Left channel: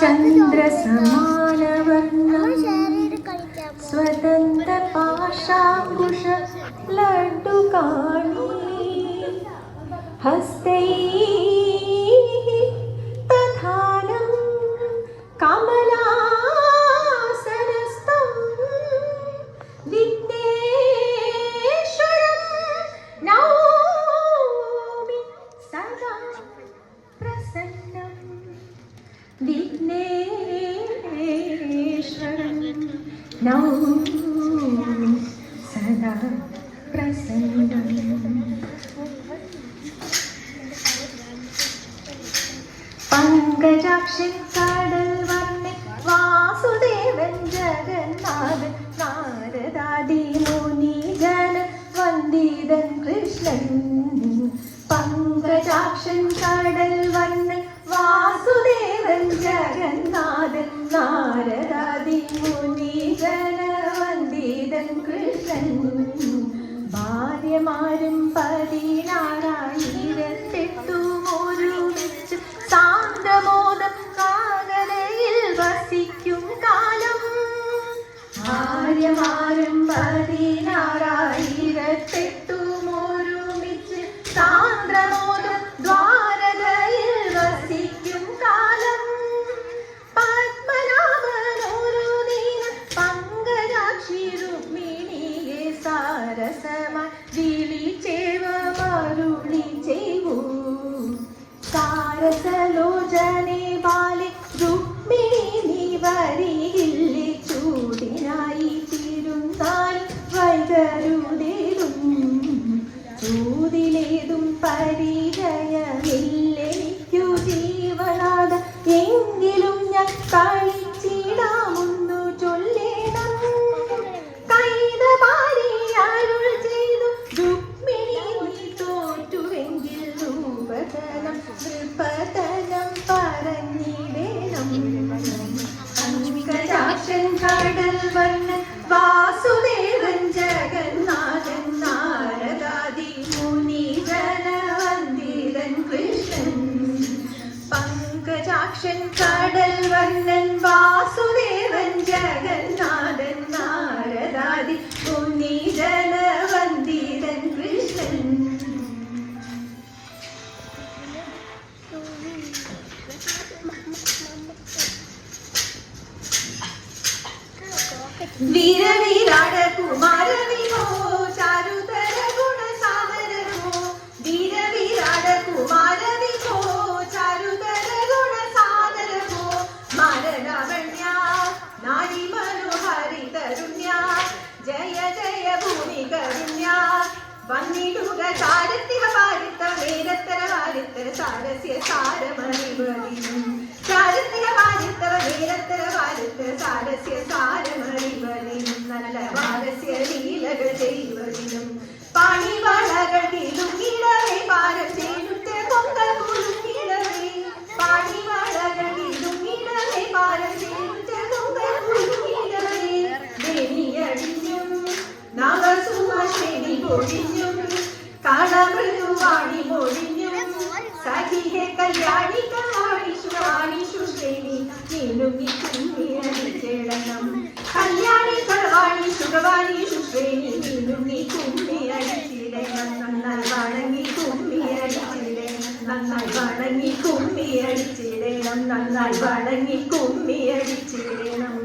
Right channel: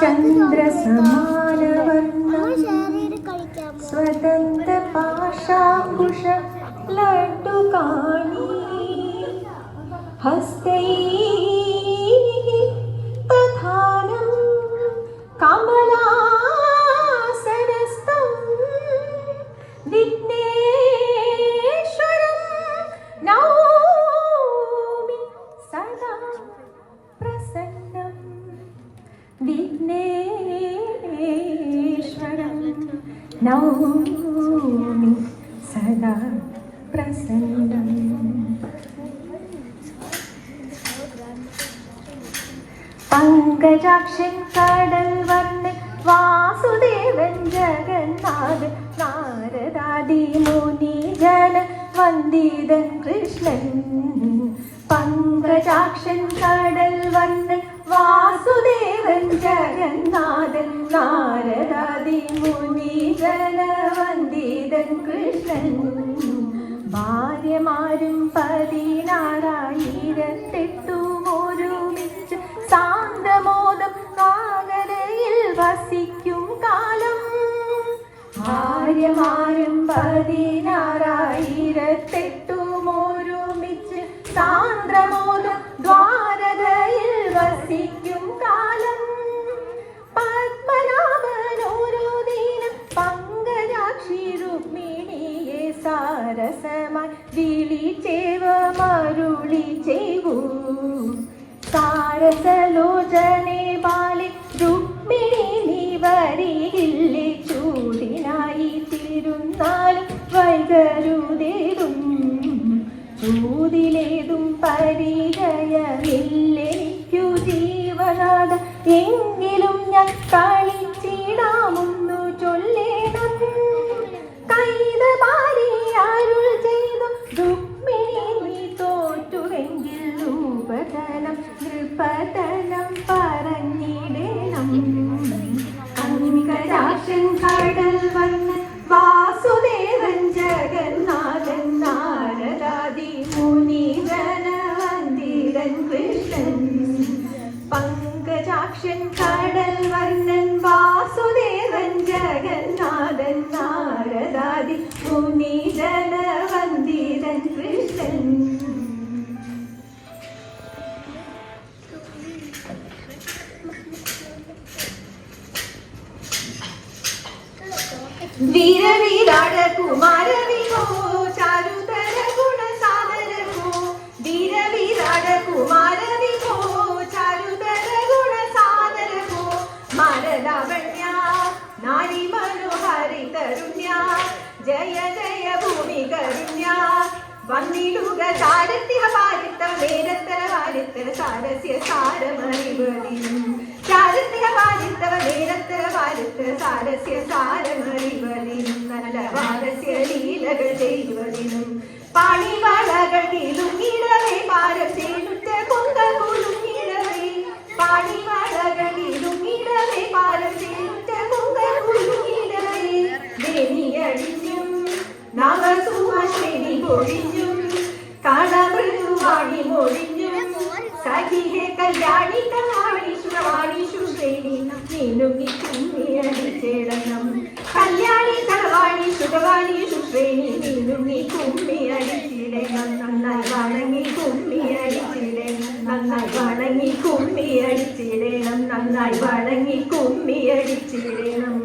ചന്ദ്രസമാനവർണം സ്വതന്ത്ര പാശാകുശ ലഡ്ഡുകാണി ഹസ്തൈ തഥാനം കമലാസനസ്ഥം വിഘ്നേശ്വരം നൗമി സദാ പ്രസന്നം വിഘ്നേശ്വരം നൗമി സദാ പ്രസന്നം. പങ്കജാക്ഷൻ കടൽ വർണ്ണ വാസുദേവൻ ജഗന്നാഥൻ നാരദാദി മുനി ജന വന്ദിതൻ കൃഷ്ണൻ. പങ്കജാക്ഷൻ കടൽ വർണ്ണ വാസുദേവൻ ജഗന്നാഥൻ നാരദാദി മുനി ജന വന്ദിതൻ കൃഷ്ണൻ. ഭാര്യമാരും 16,000 ഒരുമിച്ച് സാന്ദ്രമോദം സാഗരയിൽ വസിക്കും കാലം. ഭാര്യമാരും 16,000 ഒരുമിച്ച് സാന്ദ്രമോദം ദ്വാരകയിൽ വസിക്കും കാലം. പത്മനാഭനോരോ ദിനം പങ്കജാക്ഷി രുക്മിണിയെ സാരസമായി വിളിച്ചേവ മരുളി ചെയ്വൂ. സാരസലോചനെ ബാലെ രുക്മിണി നീ വരികില്ലേ ചൂടിനായി തിരുന്നാലും വൈകരുതേതും. ചൂതിലേതും പരിചയമില്ലേക്കു ജീവനാഥ എങ്കിലും ഞാൻ കളിച്ചിടാമെന്നു ചൊല്ലേണം. കൈതമാരി അരുൾ ചെയ്തു രുക്മിണി നീ തോറ്റുവെങ്കിൽ രൂപതനം നൃപതനം പറഞ്ഞിടേണം. പങ്കജാക്ഷൻ കടൽ വർണ്ണൻ വാസുദേവൻ ജഗന്നാഥൻ നാരദാദി മുനി ജന വന്ദിതൻ കൃഷ്ണൻ. പങ്കജാക്ഷൻ കടൽ വർണ്ണൻ വാസുദേവൻ ജഗന്നാഥൻ നാരദാദി മുനി ജന വന്ദിതൻ കൃഷ്ണൻ. വീരവിരാട കുമാര വിഭോ ചാരുതര ഗുണ സാദരവോ. വീരവിരാട കുമാര വിഭോ ചാരുതര ഗുണ സാദരവോ. മാരലാവണ്യ നാരി മനോഹരി തരുണ്യ ജയ ജയ ഭൂമി കരുണ്യ. വന്നിടുക ചാരസ്യ പാരിത്ത നേരത്തര വാരിത്തര സാരസ്യ സാരമറിവതിനും. ചാരസ്യ പാരിത്തവ നേരത്തര വാരിത്തര സാരസ്യ സാരമറിവതിനും. നല്ല വാരസ്യ ലീലകൾ ചെയ്യുവതിനും. പാണിവളകൾ കിലുങ്ങിടവേ പാരം ചേലുറ്റ കൊങ്ക കുലുങ്ങിടവേ. പാണിവളകൾ കിലുങ്ങിടവേ പാരം ചേലുറ്റ കൊങ്ക കുലുങ്ങിടവേ. ദേനിയടിഞ്ഞും നവസുമശ്രീ പൊഴിഞ്ഞും കളമൃദുവാണി മൊഴിഞ്ഞും. സഖിഹെ കല്യാണി കല്യാണി ശുശ്രേണി നീനുങ്ങി കുമ്മിയടിച്ചിടണം. കല്യാണി കളവാണി ശുഭവാണി ശുശ്രേണി നീനുങ്ങി കുമ്മിയടിച്ചിടണം. നന്നായി വണങ്ങി കുമ്മിയടിച്ചിടണം. നന്നായി വണങ്ങി കുമ്മിയടിച്ചിടണം. നന്നായി വണങ്ങി കുമ്മിയടിച്ചിടണം.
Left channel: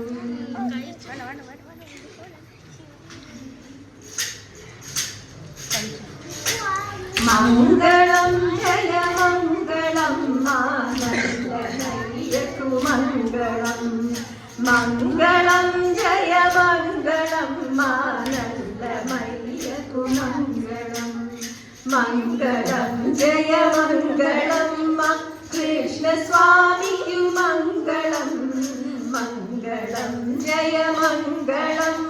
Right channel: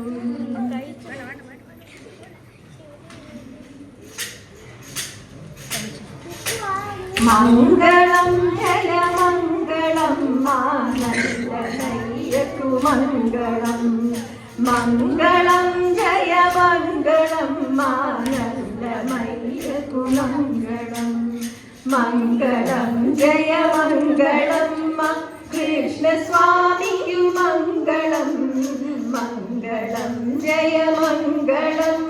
മംഗളം ജയമംഗളം മാനല്ലയ്യക്കു മംഗളം. മംഗളം ജയമംഗളം മാനല്ലമയ്യക്കു മംഗളം. മംഗളം ജയമംഗളം കൃഷ്ണസ്വാമിക്കു മംഗളം. മംഗളം ജയമംഗളം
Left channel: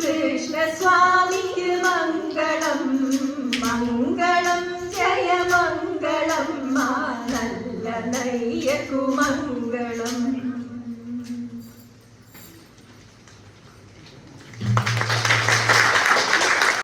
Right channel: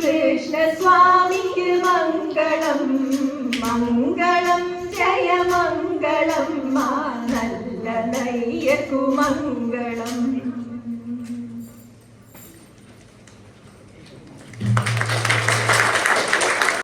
കൃഷ്ണസ്വാമിക്കു മംഗളം. മംഗളം ജയമംഗളം മാനല്ലനയ്യക്കു മംഗളം.